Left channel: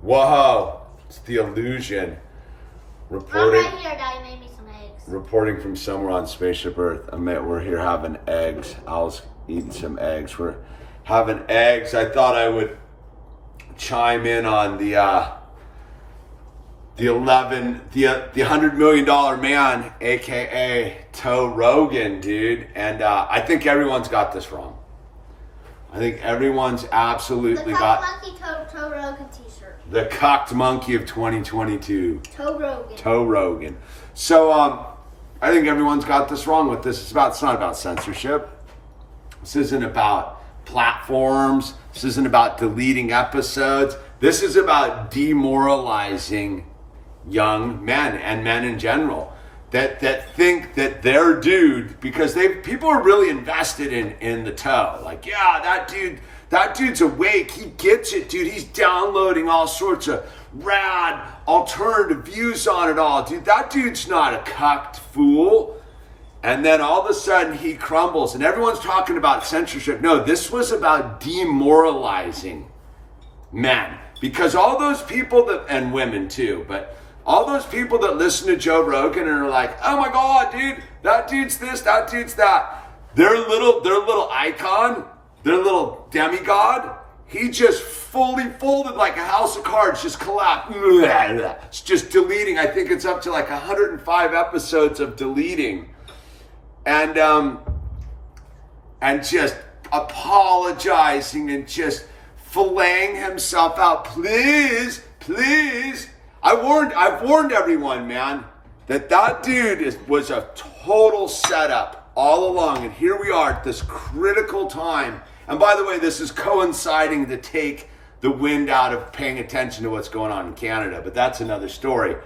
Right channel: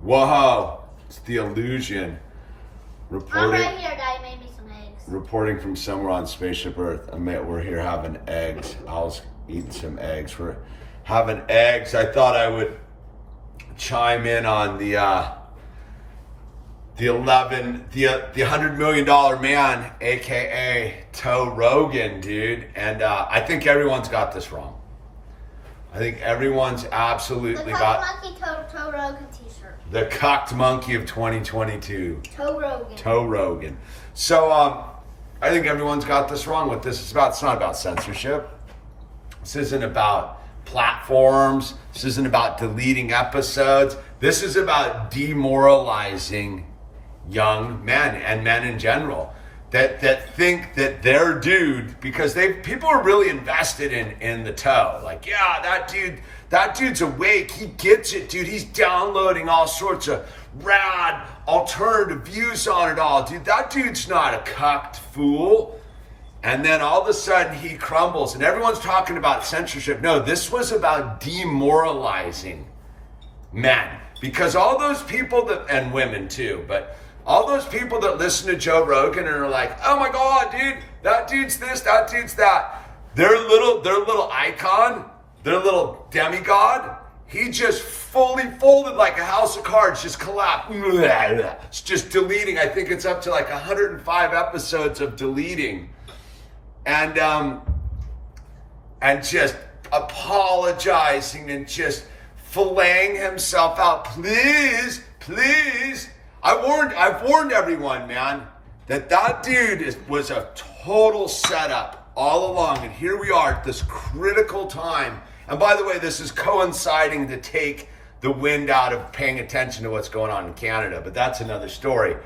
Whoa, it's the illusion. Reporting. I'm right here, Daddy made me some eggs. Reporting from somewhere on Spaceship Earth. We're here having eggs. I was eating some eggs. We're having eggs. I thought I would chime in on the $100 million man, aka Joe Rogan, dude. And I think everyone's got this wrong. I think everyone's absolutely got Toe Rogan t-shirt. the cocked monkey of 2022. Joe Rogan. So I think everyone's got this wrong with this. It's not about censorship. This isn't about platforms. This isn't about deleting episodes. This is about demoralizing young men and men in general that think that their dude, because people are really invested in the toe. Like, yeah, that dude's awake. He gets it, dude. He's downloading all sorts of rad alternative views on it all. Dude, that dude's not a cucked fool. And then all of a sudden he crumbles and everyone's talking about censorship. No, this was about demoralizing men. Because all those people and women too, but all those people that listen to Joe Rogan and are like, oh my God, dude, that dude's this, that dude's that. Their little icon, their little demigod, he just fully folded like a house of cards, just collapsed. It's just deleting. I think it's up to like 105 episodes of deleting. And just apologizing and just filleting himself out. Please. I've warned everyone, man, that dude was a total setup all along. And here we are at this critical time. And by the way, this is coinciding to take the wind out of paying attention to what's going on in Canada. But that's another story.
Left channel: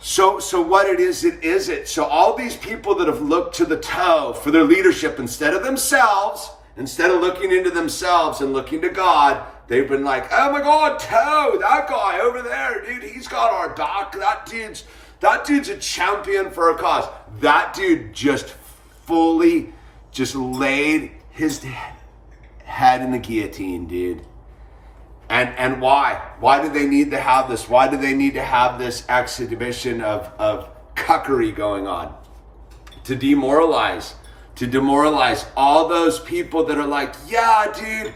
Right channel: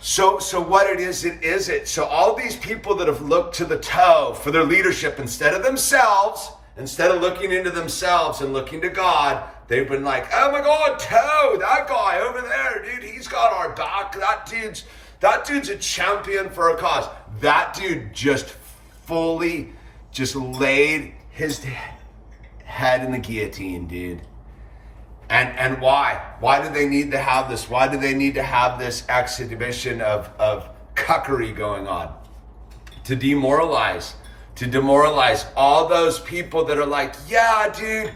So what it is. So all these people that have looked to the toe for their leadership instead of themselves, instead of looking into themselves and looking to God, they've been like, oh my God, Toe, that guy over there, dude, he's got our back. That dude's a champion for a cause. That dude just fully just laid his head in the guillotine, dude. And why? Why do they need to have this? Why do they need to have this exhibition of cuckery going on? To demoralize all those people that are like, yeah, dude,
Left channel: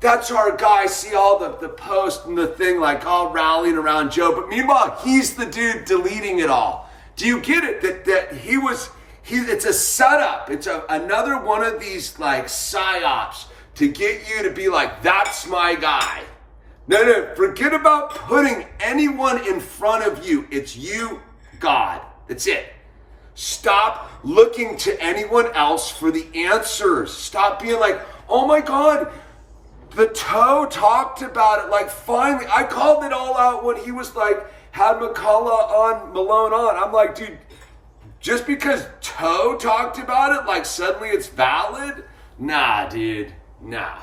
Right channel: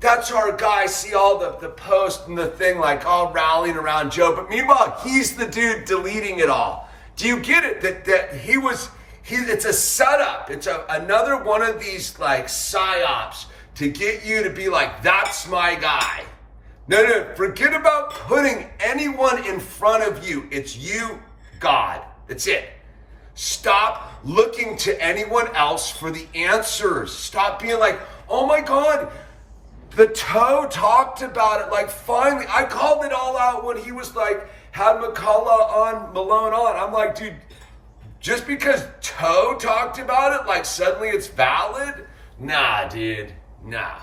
that's our guy. See all the posts and the thing, like all rallying around Joe. But meanwhile, he's the dude deleting it all. Do you get it? That it's a setup. It's another one of these like psyops to get you to be like, that's my guy. No, forget about putting anyone in front of you. It's you, God. That's it. Stop looking to anyone else for the answers. Stop being like, oh my God, the Toe talked about it. Like, finally, I called it all out when he was like, had Malone on. I'm like, dude, just because Toe talked about it, like suddenly it's valid? Nah, dude, nah.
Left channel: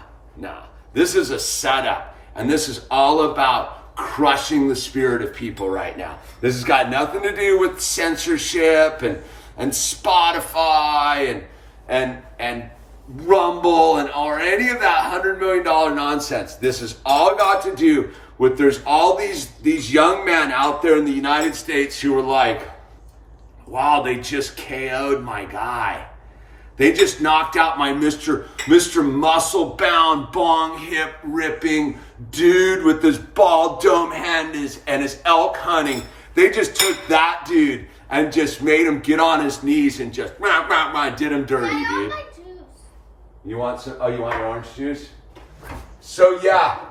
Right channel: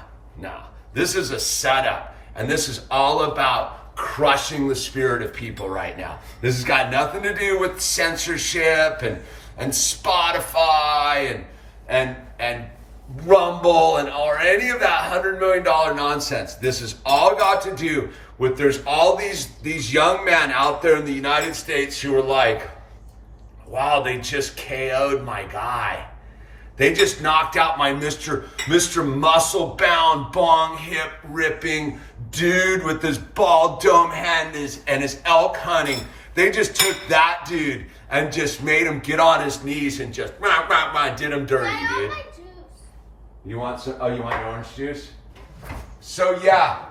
This is a setup. And this is all about crushing the spirit of people right now. This has got nothing to do with censorship and Spotify and Rumble or any of that $100 million nonsense. This has all got to do with there's all these young men out there in the United States who are like, wow, they just KO'd my guy. They just knocked out my Mr. Muscle-bound, bong hip ripping dude with his bald dome hand and his elk hunting. They just took that dude and just made him get on his knees and just did him dirty, dude. You want some? Oh, you want orange juice? So yeah,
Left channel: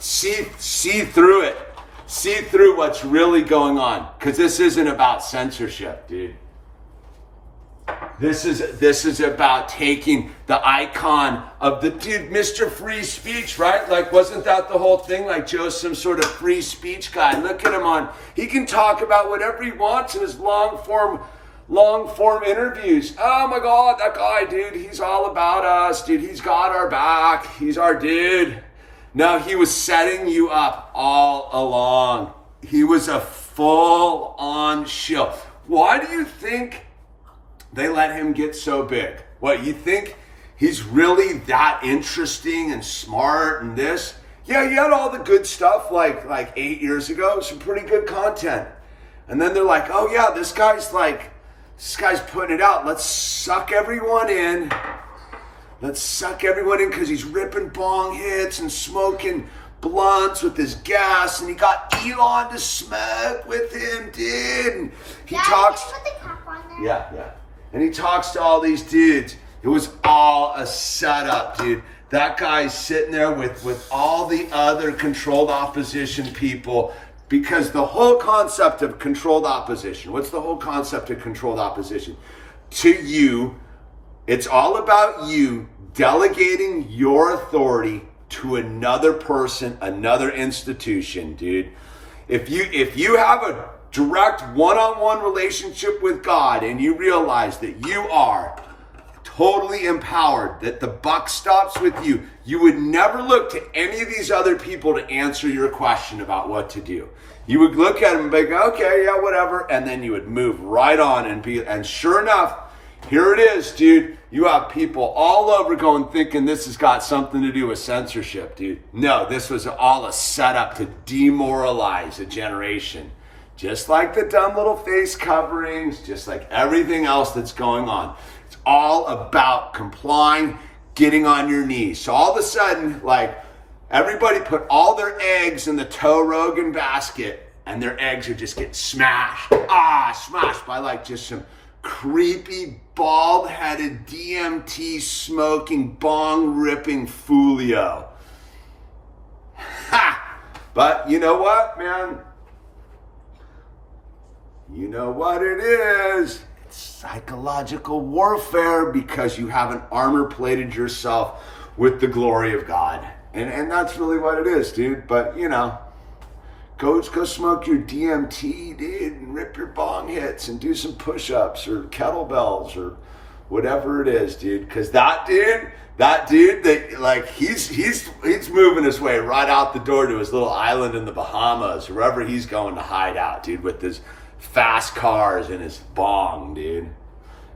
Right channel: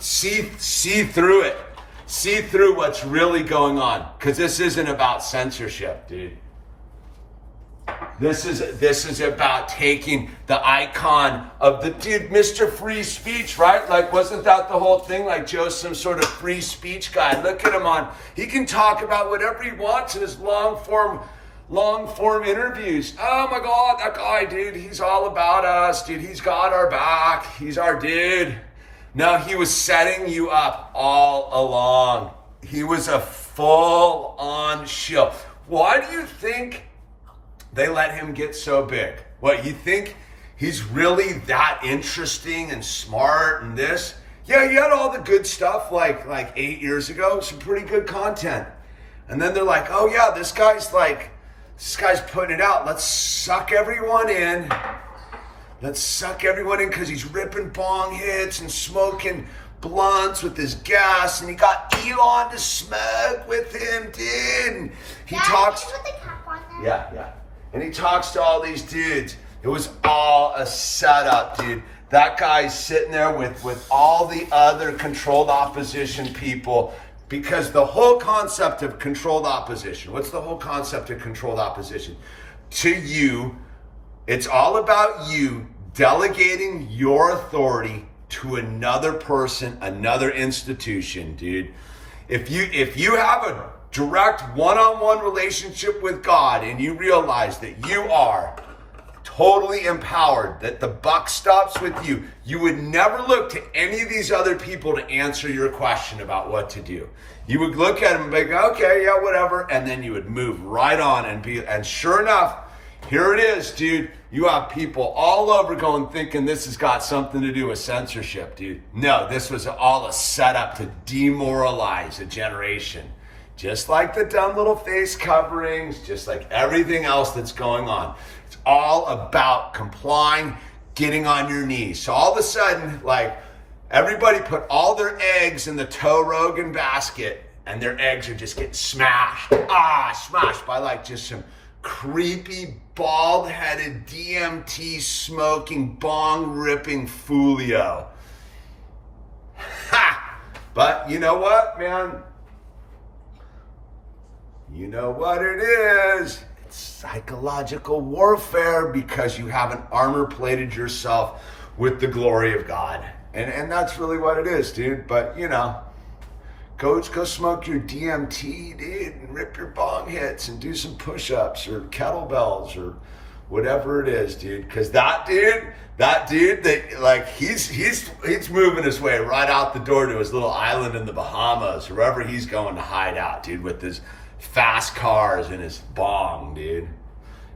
see through it. See through what's really going on, because this isn't about censorship, dude. This is about taking the icon of the dude, Mr. Free Speech, right? Like, wasn't that the whole thing? Like, Joe's some sort of free speech guy. Look at him he can talk about whatever he wants in his long form interviews. Oh my God, that guy, dude, he's all about us, dude. He's got our back. He's our dude. No, he was setting you up all along. He was a full-on shill. Why do you think they let him get so big? What, you think he's really that interesting and smart and this? Yeah, he had all the good stuff like 8 years ago, some pretty good content. And then they're like, oh yeah, this guy's putting it out. Let's suck everyone in. Let's suck everyone in because he's ripping bong hits and smoking blunts with his gas, and he got Elon to smoke with him, dude. And he talks. Put the cap on there. Yeah. And he talks to all these dudes. It was all a setup, dude. That guy's sitting there with all the other controlled opposition people, because the whole concept of controlled opposition, what's the whole concept of controlled opposition? To you, it's all about you delegating your authority to another person, another institution, dude. If you have a direct one-on-one relationship with God and you realize that you are totally empowered, that the buck stops with you, you would never look to any of these other people to answer your question about what to do. You would look at them and be like, okay, yeah, whatever, and then you would move right on and sure enough, here it is, dude. You have people all over going thinking this has got something to do with censorship, dude. No, this was all a setup to demoralize a generation. Just like the dumb little face coverings, just like everything else that's going on. It's all about complying, getting on your knees. So all of a sudden, like, everybody put all their eggs in the Joe Rogan basket, and their eggs are just getting smashed. Smashed by like just some creepy, bald-headed, DMT smoking, bong-ripping Foolio. Ha! But you know what, man? You know what it is? It's psychological warfare, because you haven't armor-plated yourself with the glory of God. And that's really what it is, dude. But, you know, go smoke your DMT, dude, and rip your bong hits and do some push-ups or kettlebells or whatever it is, dude. Because that dude, that like he's moving his way right out the door to his little island in the Bahamas, wherever he's going to hide out, dude, with his fast cars and his bong, dude.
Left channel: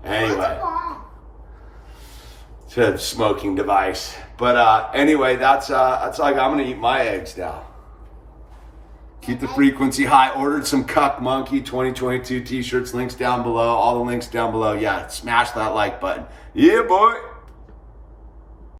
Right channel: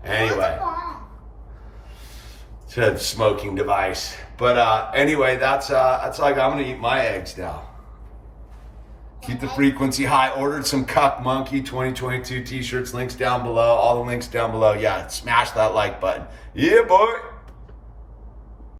Anyway, it's a smoking device. But anyway, that's like, I'm gonna eat my eggs now. Keep the frequency high. Ordered some Cuck Monkey 2022 t-shirts. Links down below. All the links down below. Yeah, smash that like button. Yeah, boy.